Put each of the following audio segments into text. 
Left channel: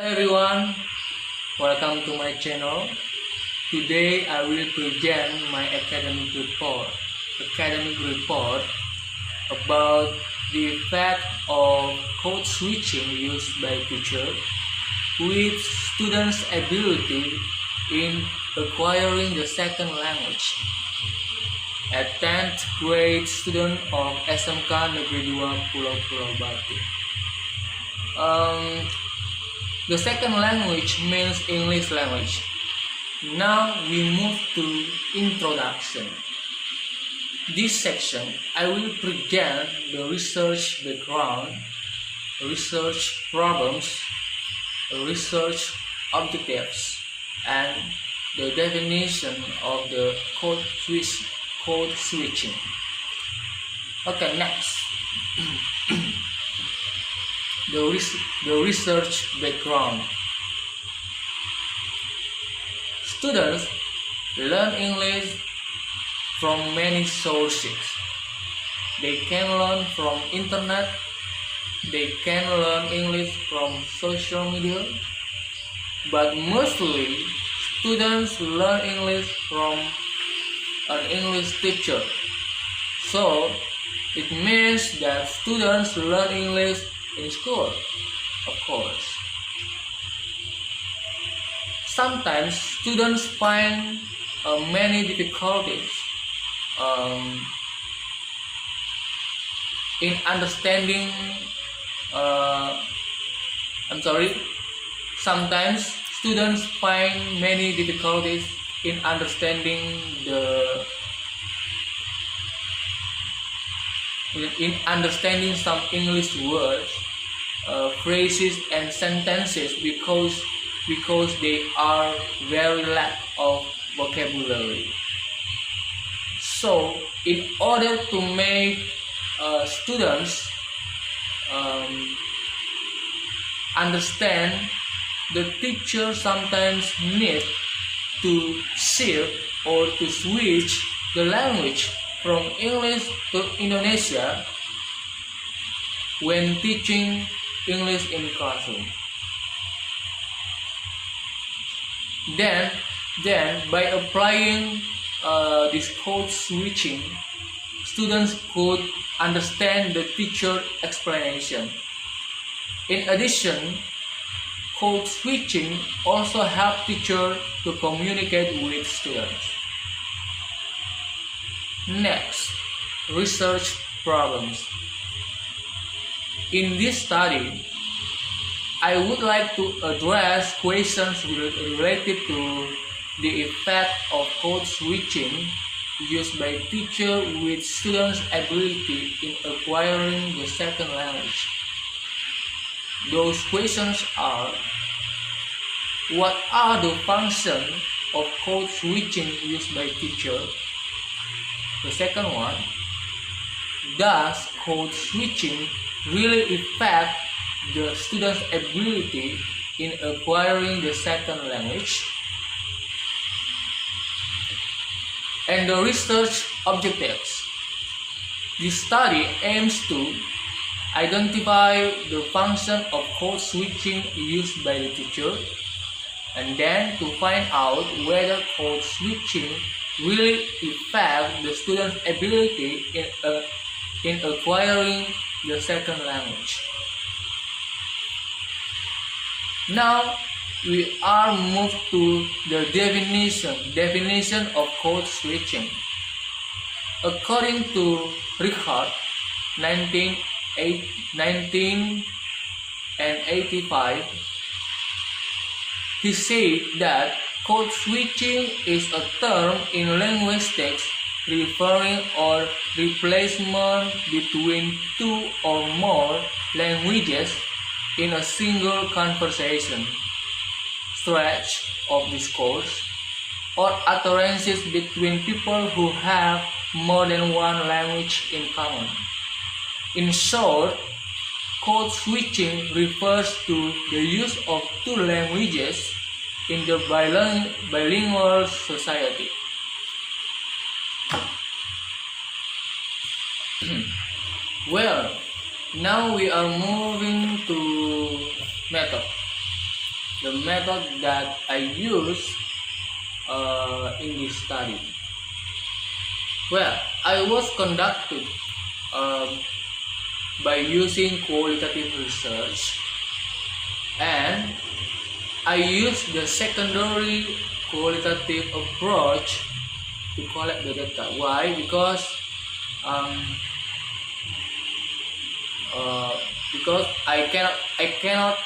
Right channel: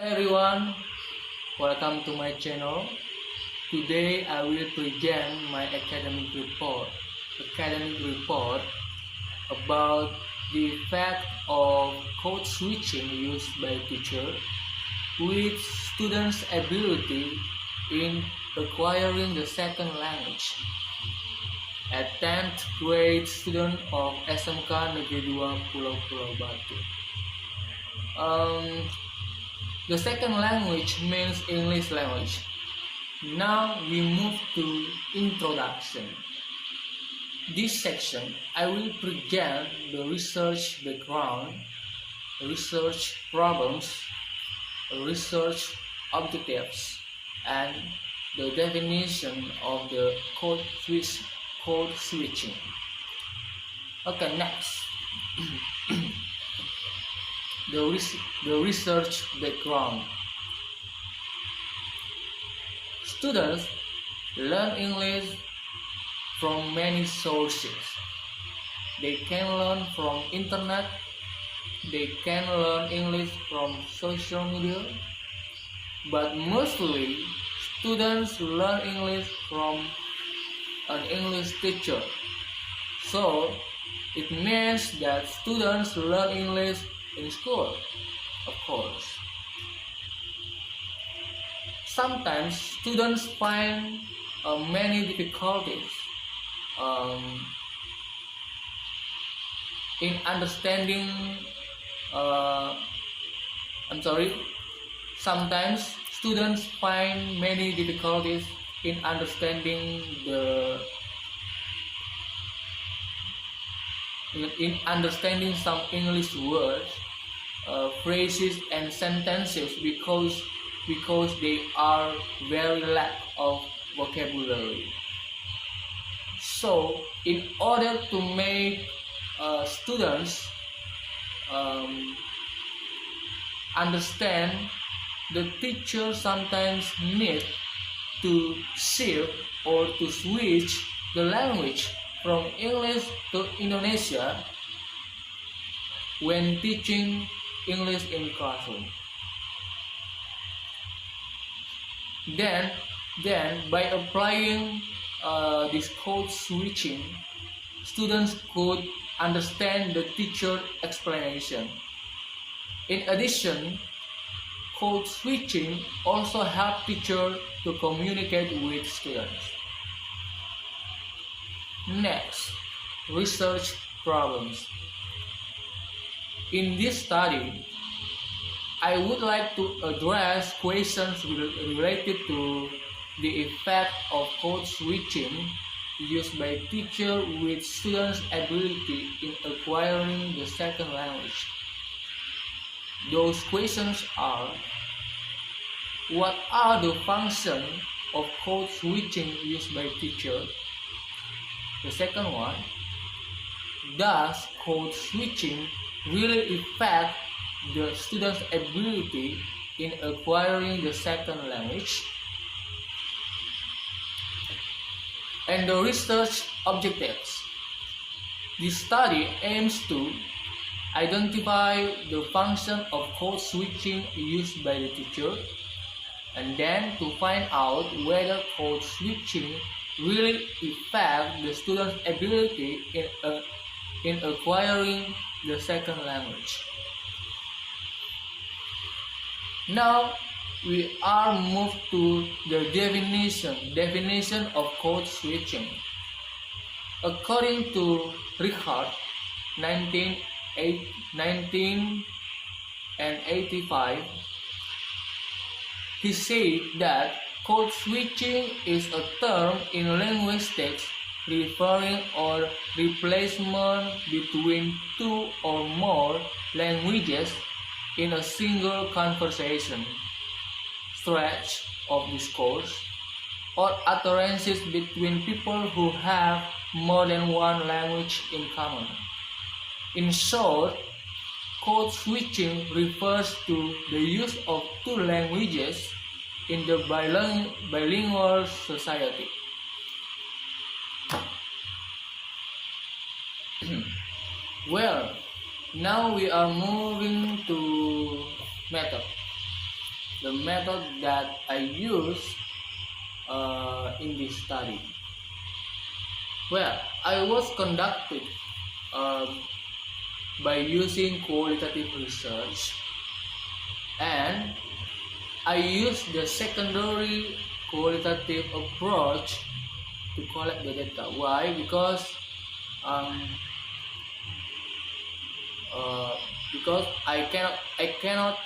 Hello everyone, welcome to my channel. Today I will present my academic report about the effect of code switching used by teachers with students' ability in acquiring the second language. A 10th grade student of SMK Negeri 2 Pulau Batu. The second language means English language. Now we move to introduction. This section I will present the research background, research problems, research objectives, and the definition of the code switching. Okay, next. The research background. Students learn English from many sources. They can learn from internet, they can learn English from social media, but mostly students learn English from an English teacher. So it means that students learn English in school, of course. Sometimes students find many difficulties in understanding. Sometimes students find many difficulties in understanding some English words, phrases and sentences because they are very lack of vocabulary. So in order to make students understand, the teacher sometimes need to shift or to switch the language from English to Indonesia when teaching English in classroom. Then by applying this code switching, students could understand the teacher explanation. In addition, code switching also help teacher to communicate with students. Next, research problems. In this study, I would like to address questions related to the effect of code switching used by teachers with students' ability in acquiring the second language. Those questions are: what are the functions of code switching used by teachers? The second one, does code switching really affect the student's ability in acquiring the second language? And the research objectives. This study aims to identify the function of code switching used by the teacher, and then to find out whether code switching really affect the student's ability in acquiring the second language. Now we are moved to the definition of code switching. According to Richard, 1985, he said that code switching is a term in linguistics referring or replacement between two or more languages in a single conversation, stretch of discourse, or utterances between people who have more than one language in common. In short, code switching refers to the use of two languages in the bilingual society. Well, now we are moving to method. the method that I use in this study. Well, I was conducted by using qualitative research, and I use the secondary qualitative approach to collect the data. Why? Um, because I cannot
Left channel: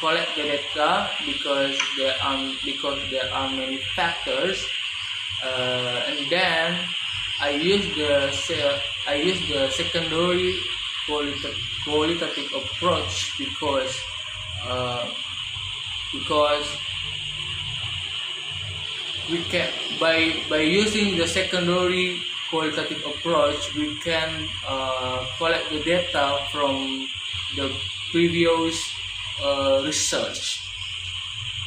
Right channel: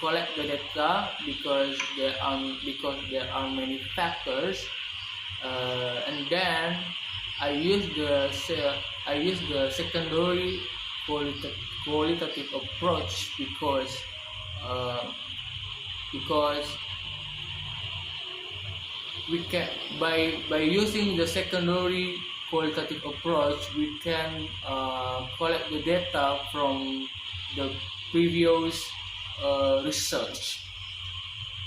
collect the data because there are many factors, and then I use the secondary qualitative approach because we can by using the secondary qualitative approach we can collect the data from the previous research.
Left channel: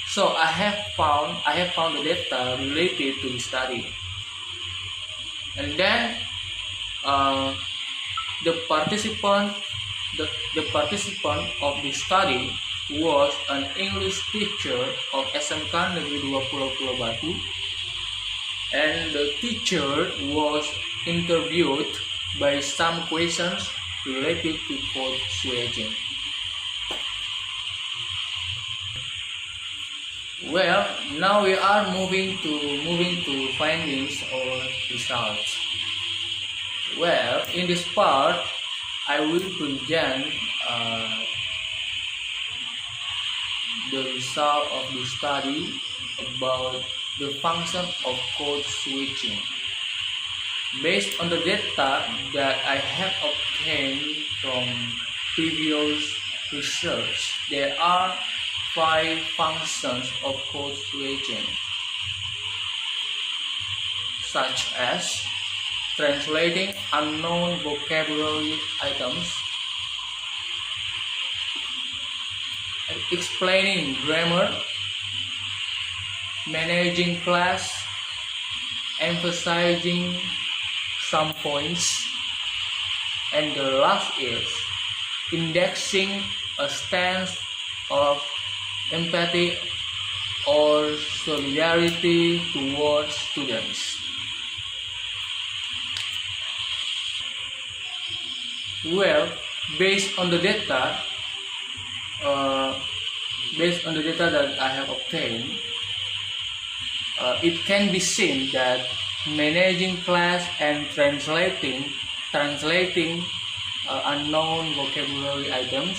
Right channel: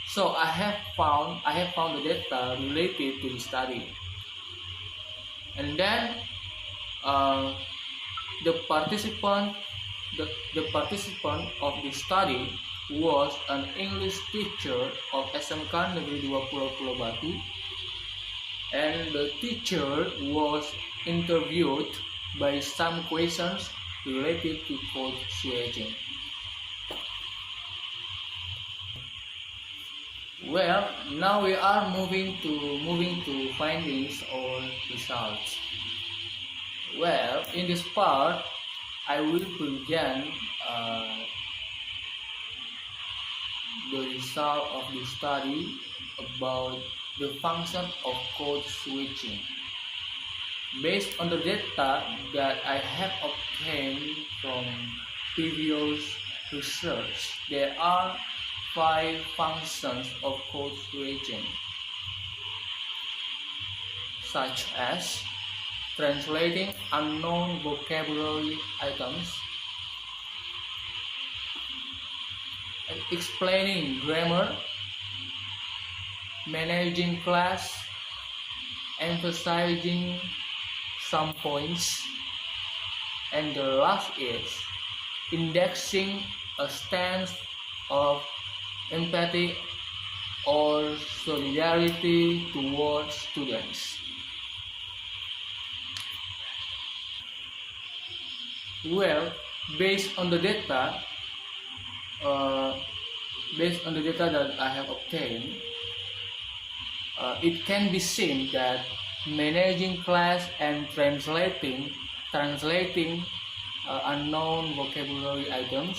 So I have found the data related to the study, and then the participant of the study was an English teacher of SMK Negeri 2 Pulau Batu, and the teacher was interviewed by some questions related to code switching. Well, now we are moving to findings or results. Well, in this part, I will present the result of the study about the function of code switching. Based on the data that I have obtained from previous research, there are 5 functions of code switching, such as translating unknown vocabulary items, explaining grammar, managing class, emphasizing some points, and the last is indexing a stance of empathy or solidarity towards students. Well, based on the data that I have obtained, it can be seen that managing class and translating unknown vocabulary items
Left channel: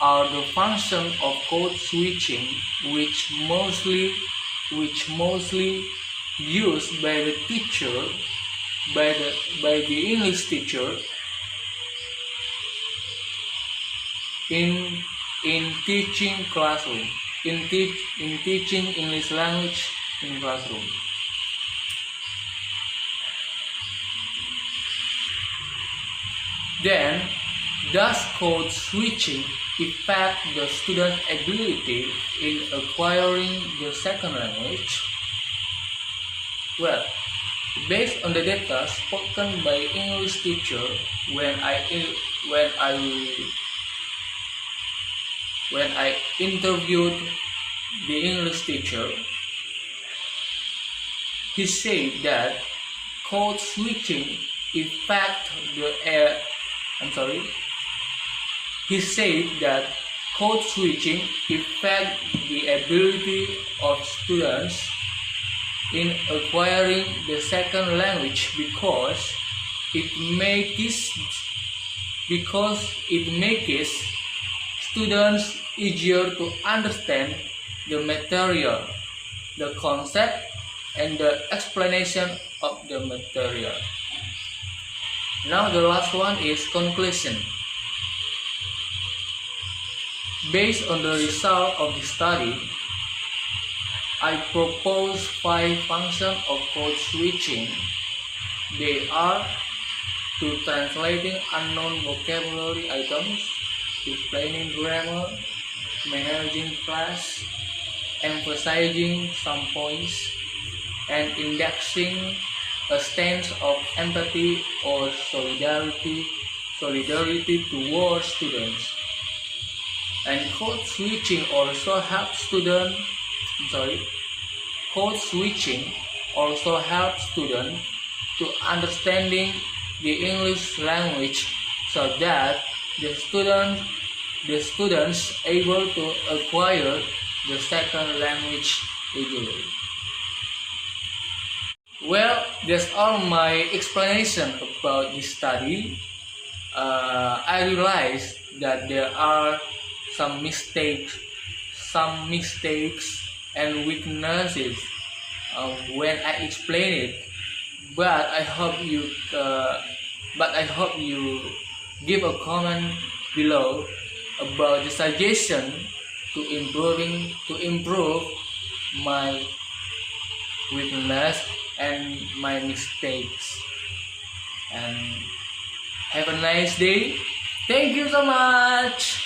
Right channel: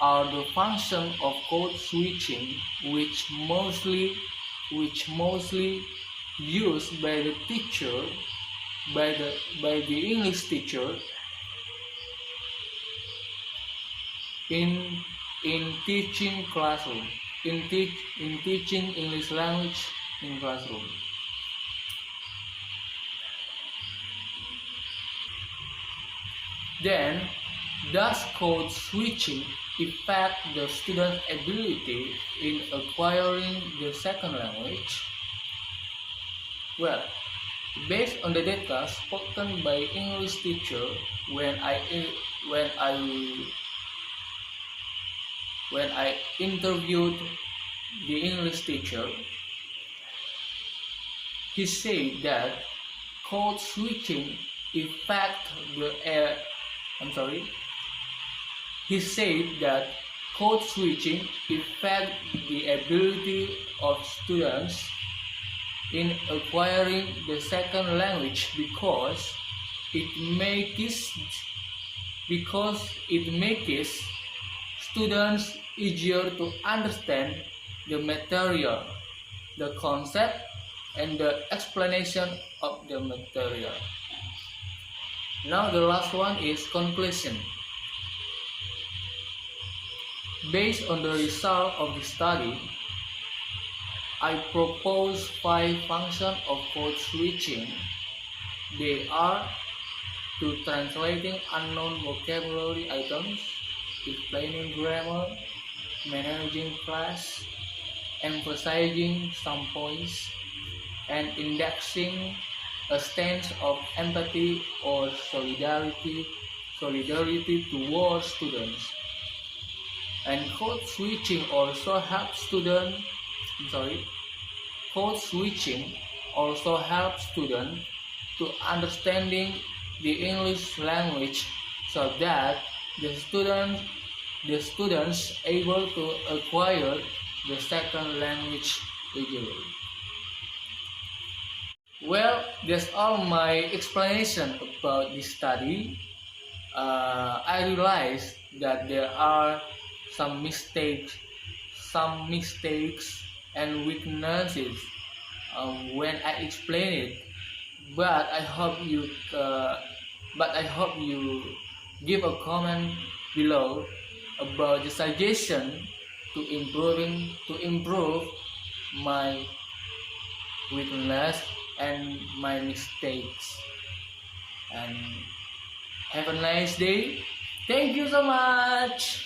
are the function of code switching which mostly used by the teacher, by the English teacher in teaching classroom, in teaching English language in classroom. Then, does code switching affect the student's ability in acquiring the second language? Well, based on the data spoken by English teacher when I interviewed the English teacher, he said that code switching affect He said that code switching affect the ability of students in acquiring the second language because it makes students easier to understand the material, the concept, and the explanation of the material. Now the last one is conclusion. Based on the result of the study, I propose 5 functions of code switching. They are to translating unknown vocabulary items, explaining grammar, managing class, emphasizing some points, and indexing a stance of empathy or solidarity towards students. And code switching also helps students. Code switching also helps students to understanding the English language, so that the students able to acquire the second language easily. Well, that's all my explanation about this study. I realized that there are some mistakes and weaknesses when I explain it. But I hope you give a comment below about the suggestion to improve my weakness and my mistakes. And have a nice day. Thank you so much.